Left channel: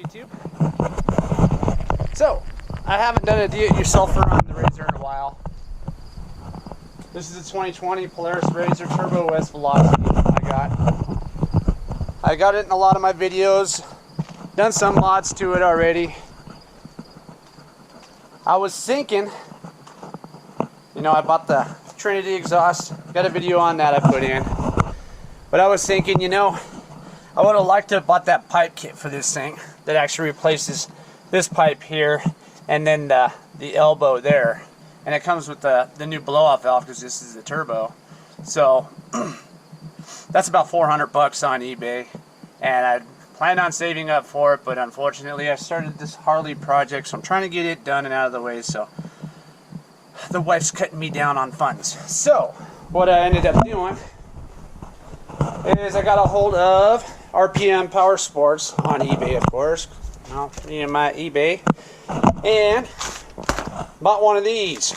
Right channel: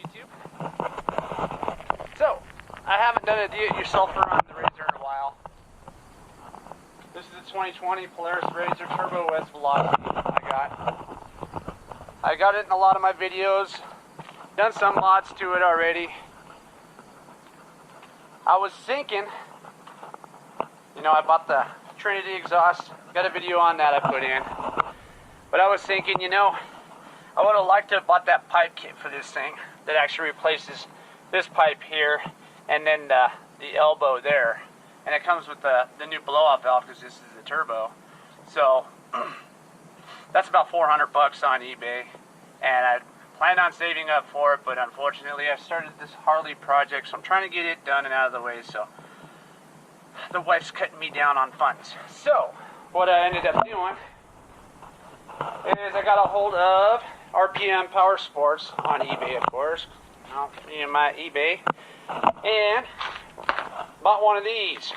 YouTube? So, I haven't done a do-it-yourselfer on the RZR in a while. This is a 2020 Polaris RZR Turbo S Velocity I got it in a lot of my videos. Done some mods to it already. I was thinking, you know, I bought the Trinity exhaust. Got a video on that I put in. But I was thinking, you know, I would have liked to have bought that pipe kit for this thing that actually replaces this pipe here and then the elbow there. And it comes with the new blow-off valve because this is the turbo. So that's about 400 bucks on eBay. And I planned on saving up for it, but unfortunately I started this Harley project, so I'm trying to get it done and out of the way, so the wife's cutting me down on funds. So what I ended up doing is I got a hold of RPMpowersports on eBay, of course. Well, me and my eBay, and bought one of these.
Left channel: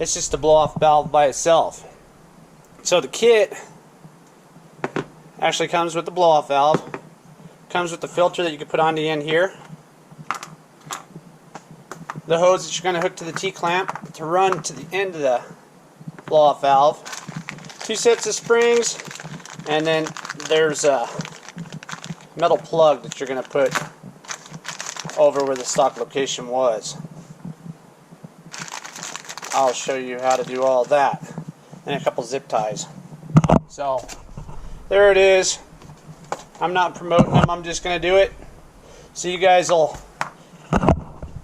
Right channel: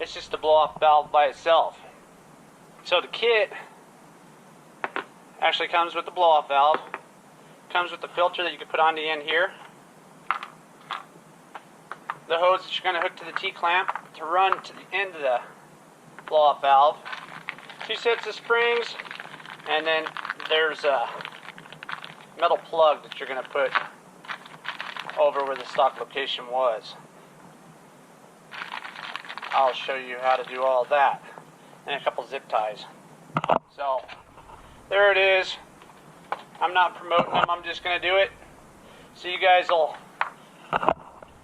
It's just a blow-off valve by itself. So the kit actually comes with the blow-off valve, comes with the filter that you can put on the end here, the hose that you're going to hook to the T-clamp to run to the end of the blow-off valve, 2 sets of springs, and then there's a metal plug that you're going to put over where the stock location was. I'll show you how to do all that, and a couple zip ties. So there it is. I'm not promoting them, I'm just going to do it so you guys will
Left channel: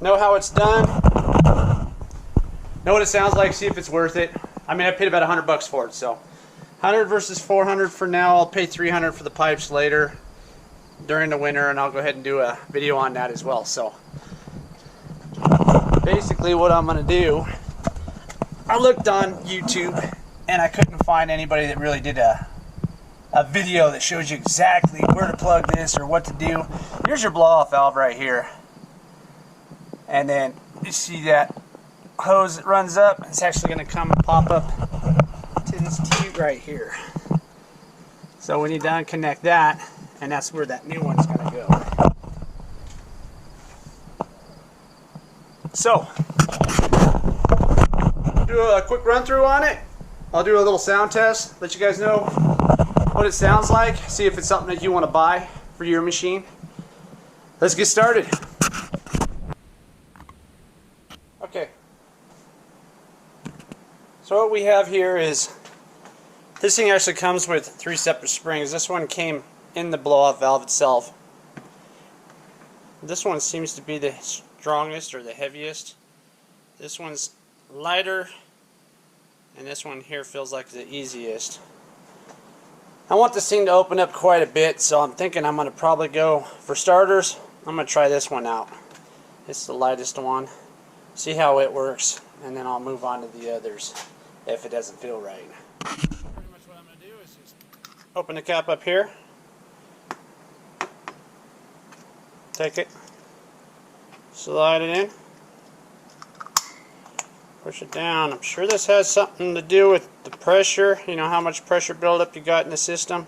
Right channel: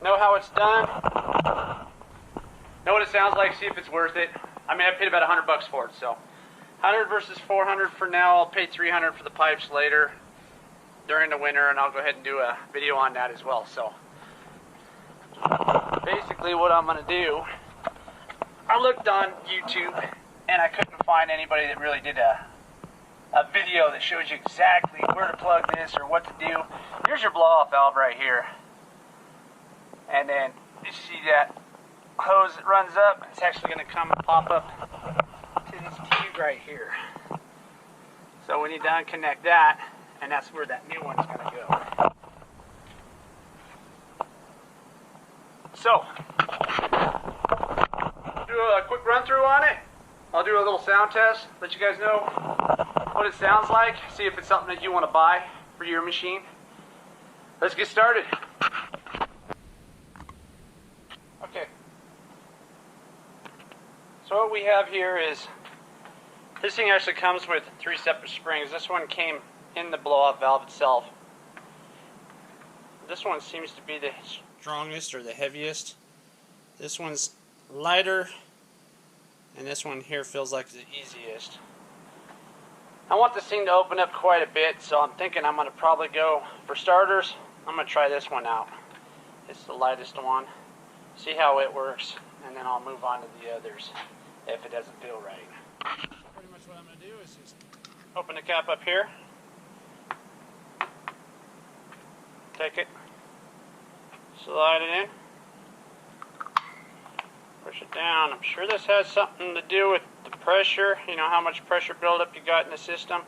know how it's done, know what it sounds like, see if it's worth it. I mean, I paid about 100 bucks for it, so 100 versus 400 for now. I'll pay 300 for the pipes later during the winter, and I'll go ahead and do a video on that as well. So basically what I'm going to do, I looked on YouTube and I couldn't find anybody that really did a video that shows you exactly where to plug this or what to do. Here's your blow-off valve right here, and then you see that hose that runs up. It's actually going to come and pop up to this tube right here. So when you unconnect that, and that's where that new one's going to go. So do a quick run through on it. I'll do a little sound test, let you guys know what it sounds like, see if it's something that you want to buy for your machine. Let's get started. Okay. So what we have here is, this thing actually comes with 3 separate springs. This one came in the blow-off valve itself. This one seems to be the strongest or the heaviest. This one's lighter, and this one here feels like the easiest. I want this thing to open up quite a bit, so I'm thinking I'm going to probably go, for starters, I'm going to try this one out. It's the lightest one. See how it works, and then I'll move on to the others if it doesn't feel right. Pretty much what I'm going to do is just open the cap up here. Take it, slide it in, push it down. I'm sure this has something to do with the pressure, you know, how much pressure buildup you got in the system.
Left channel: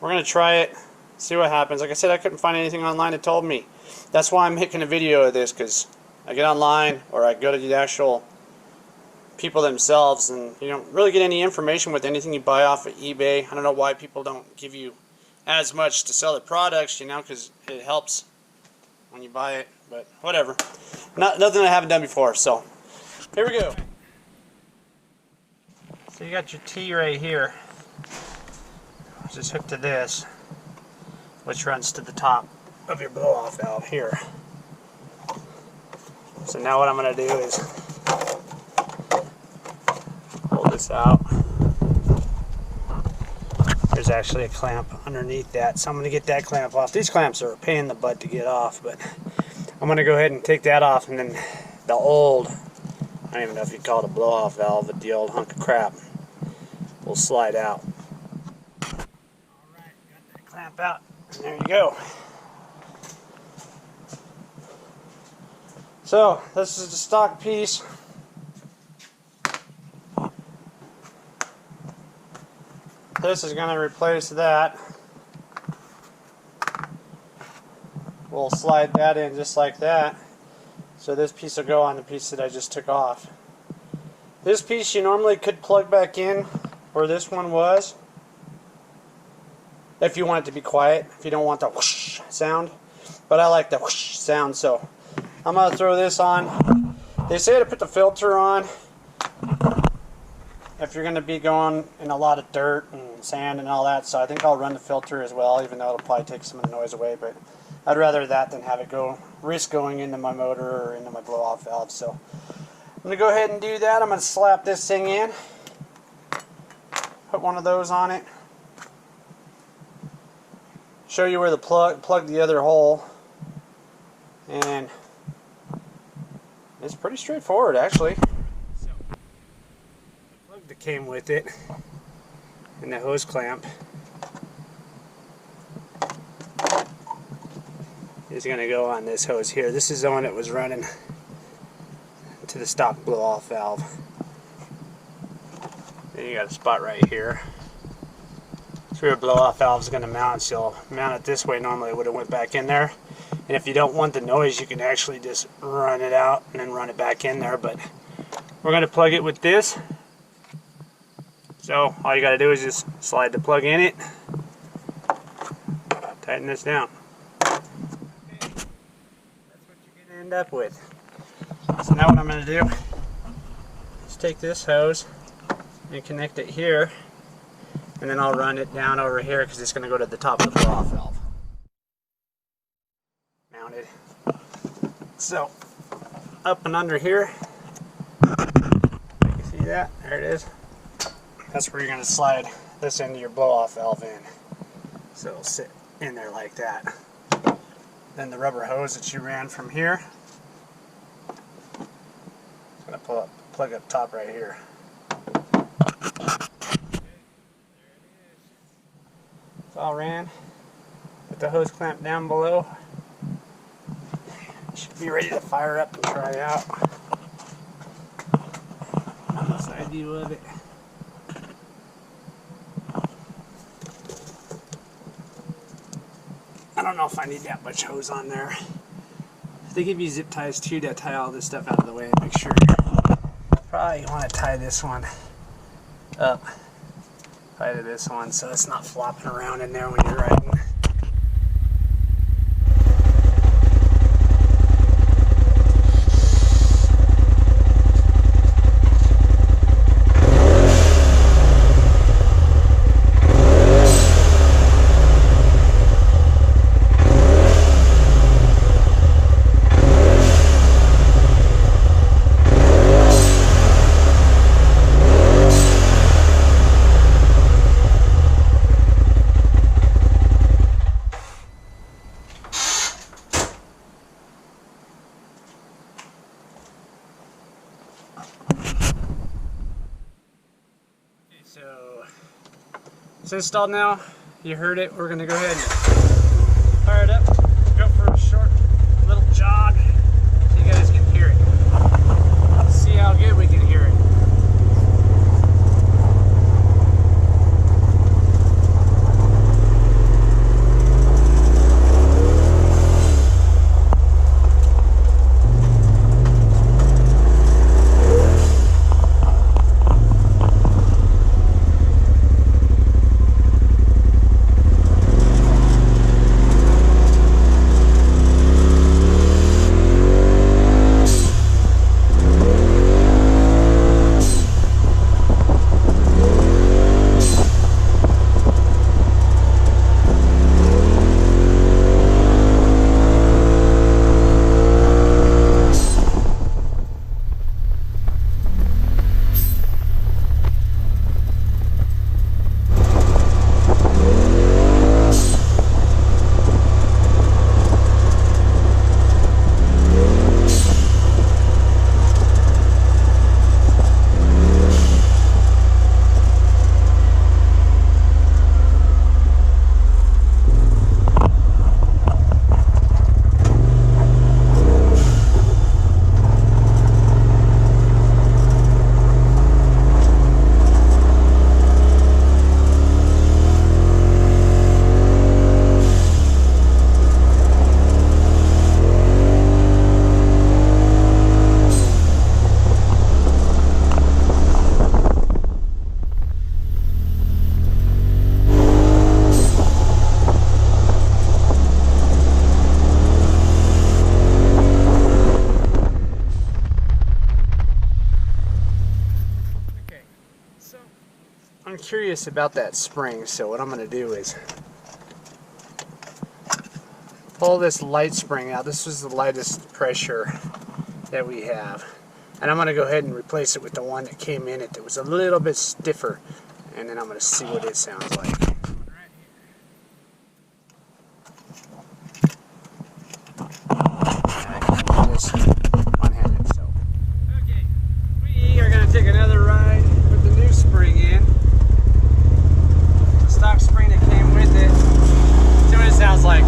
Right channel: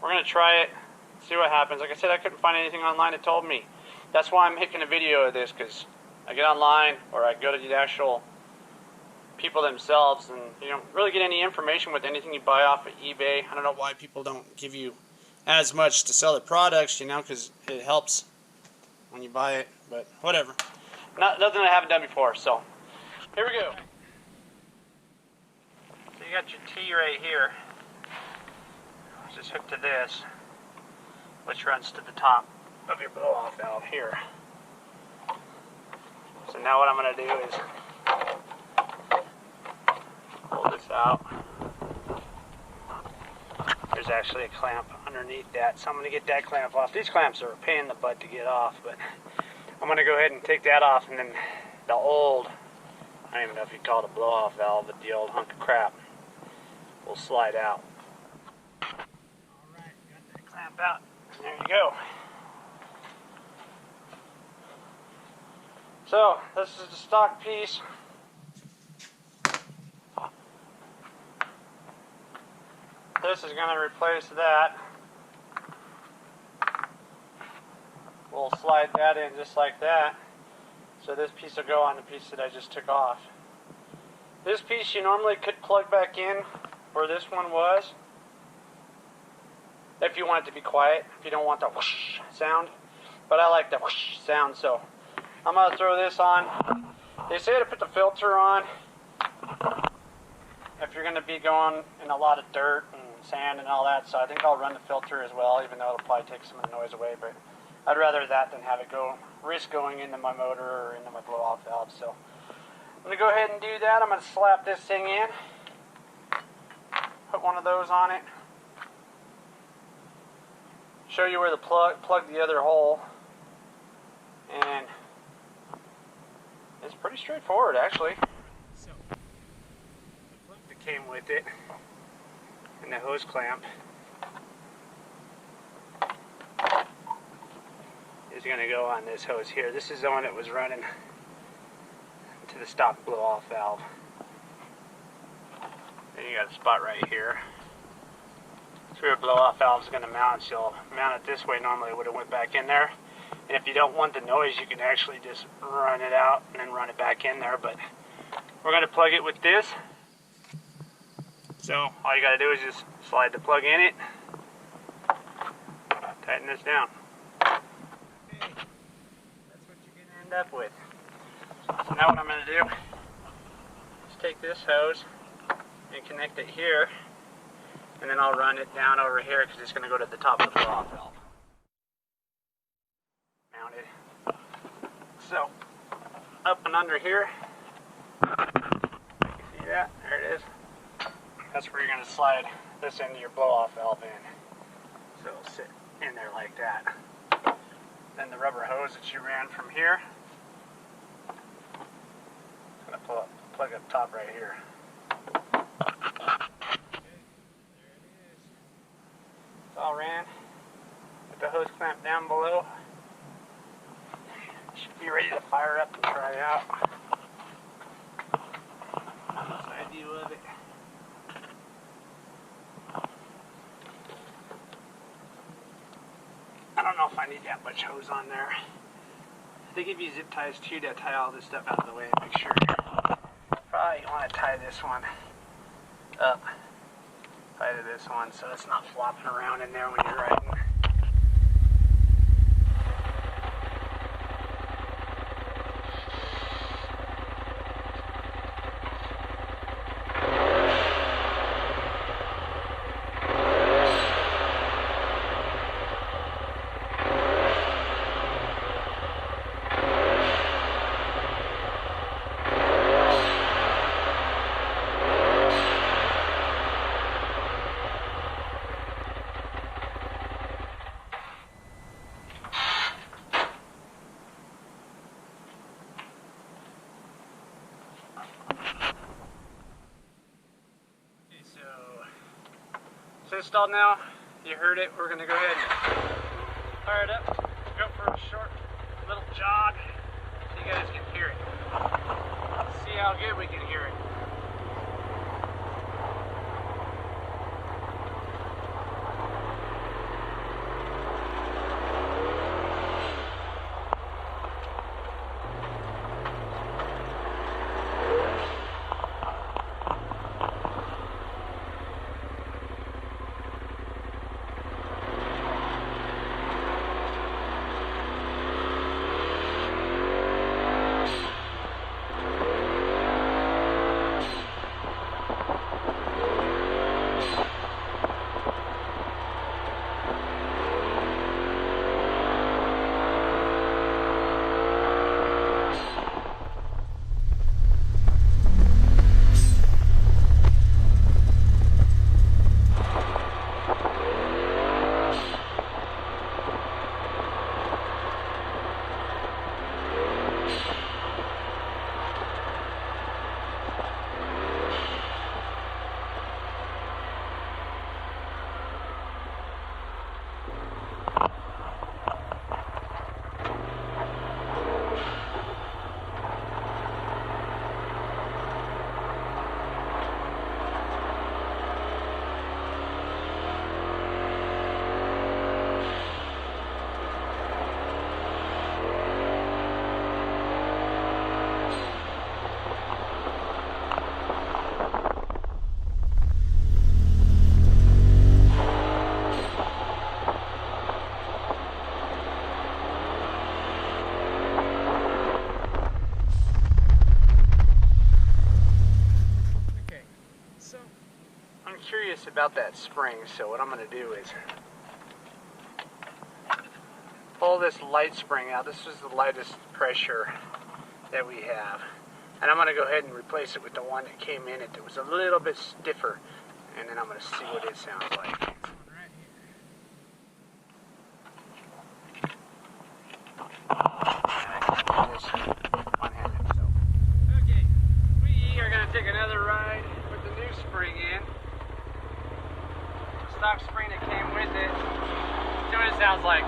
We're going to try it, see what happens. Like I said, I couldn't find anything online that told me. That's why I'm making a video of this, because I get online or I go to the actual people themselves, and you don't really get any information with anything you buy off of eBay. I don't know why people don't give you as much to sell the products, you know, because it helps when you buy it, but whatever. Nothing I haven't done before, so here we go. So you got your T right here, which is hooked to this, which runs to the top of your blow-off valve here. So now what I'm going to do is pull this out. There's actually a clamp underneath that, so I'm going to get that clamp off. These clamps are a pain in the butt to get off, but I'm going to go ahead and take that off, and then the old, I don't even know if you call it a blow-off valve, but the old hunk of crap will slide out. Alright, got that clamp out. There you go. So, this is the stock piece. This is going to replace that. we'll slide that in just like that. So this piece will go on the piece that I just took off. This piece you normally could plug back in where this one was, if you want it to be quiet, if you don't want the whoosh sound. But I like the whoosh sound, so I'm going to throw this on. They say to put the filter on if you're going to be going in a lot of dirt and sand and all that, so I think I'll run the filter as well, even though it'll probably take some of the noise away, but I'd rather that than have it risk going into my motor or into my blow-off valve. So I'm going to go ahead and do that. I'm going to slap this thing in, put one of those on it, show you where the plug the other hole, and it's pretty straightforward actually. So the plug that came with it and the hose clamp is going to go on this hose here. This is the one that was running to the stock blow-off valve. Then you got a spot right here. That's where your blow-off valve is going to mount. So you'll mount it this way. Normally it would have went back in there. And if you don't want the noise, you can actually just run it out and then run it back in there. But we're going to plug it with this. So all you got to do is just slide the plug in it, tighten this down. Okay, that's what you're going to end up with. So now what I'm going to do is take this hose and connect it here, and then I'll run it down over here because it's going to go to the top of the blow-off valve. Mounted. So up and under here, you can see that, there it is. That's where you're going to slide this into your blow-off valve in. So it'll sit in there like that. Then the rubber hose that you ran from here, it's going to plug up top right here. Okay, there it is. It's all ran. Put the hose clamp down below. Should be ready to fire up and try out. Side view of it. I don't know if I need that much hose on there. They give you zip ties too to tie all this stuff out of the way and make sure. Probably want to tie this one up, tie to this one so it's not flopping around in there when you're riding. It's installed now. You heard it. We're going to go ahead and fire it up. Go for a short little jog so you guys can hear it. Let's see how good we can hear it. curious about that spring, so what I'm going to do is pull this light spring out. This is the lightest pressure that we have. And I'm going to go ahead and replace it with the one that came in it that was a little bit stiffer. And then I'm going to see what it sounds like. Okay, we are going to take another ride with the new spring in. The stock spring that came with it. See what it sounds like.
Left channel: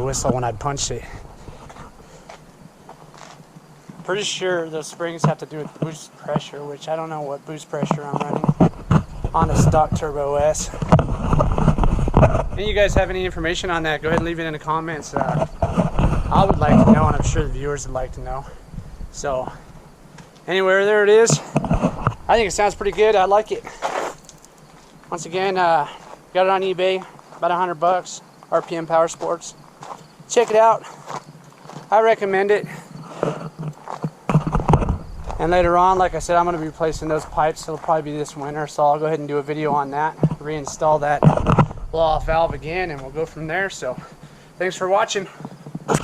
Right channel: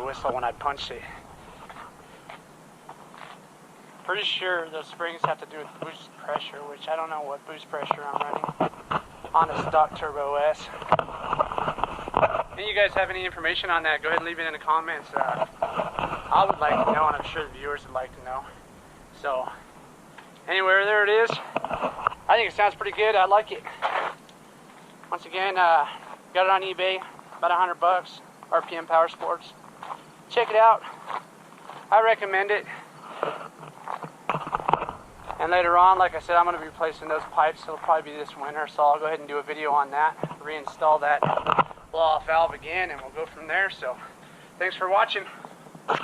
Whistle when I punched it. Pretty sure those springs have to do with boost pressure, which I don't know what boost pressure I'm running on a stock Turbo S. If you guys have any information on that, go ahead and leave it in the comments. I would like to know, and I'm sure the viewers would like to know. So anyway, there it is. I think it sounds pretty good. I like it. Once again, got it on eBay, about $100. RPMpowersports. Check it out. I recommend it. And later on, like I said, I'm going to be replacing those pipes. It'll probably be this winter, so I'll go ahead and do a video on that. Reinstall that blow-off valve again, and we'll go from there. So, thanks for watching. Blah,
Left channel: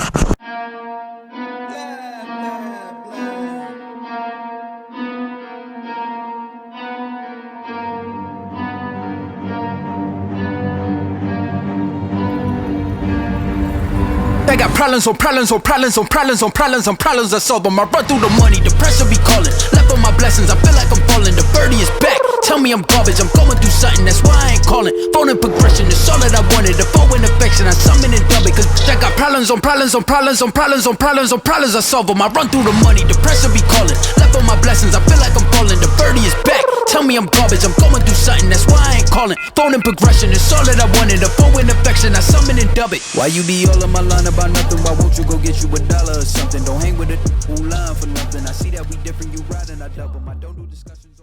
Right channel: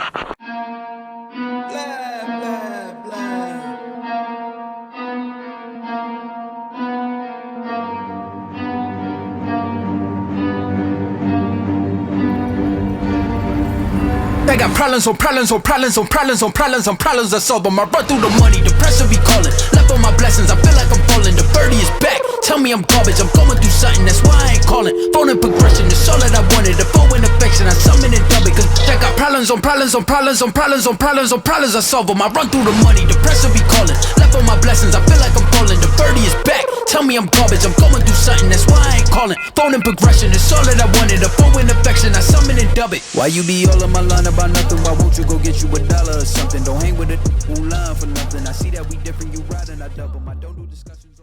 blah, blah. I got problems on problems on problems on problems on problems on problems. I solve them. I run through the money, the pressure be calling. Left on my blessings, I feel like I'm falling. The birdie is back. Tell me I'm garbage, I'm going through something, that's why I ain't calling. Phone and progression, it's all that I wanted. The phone and affection, I summon and dub it. Cause I got problems on problems on problems on problems on problems on problems. I solve them. I run through the money, the pressure be calling. Left on my blessings, I feel like I'm falling. The birdie is back. Tell me I'm garbage, I'm going through something, that's why I ain't calling. Phone and progression, it's all that I wanted. The phone and affection, I summon and dub it. Why you be all on my line about nothing? Why won't you go get you $1 or something? Don't hang with it, who line for nothing. I see that we different, you riding, I double. I don't do discussions.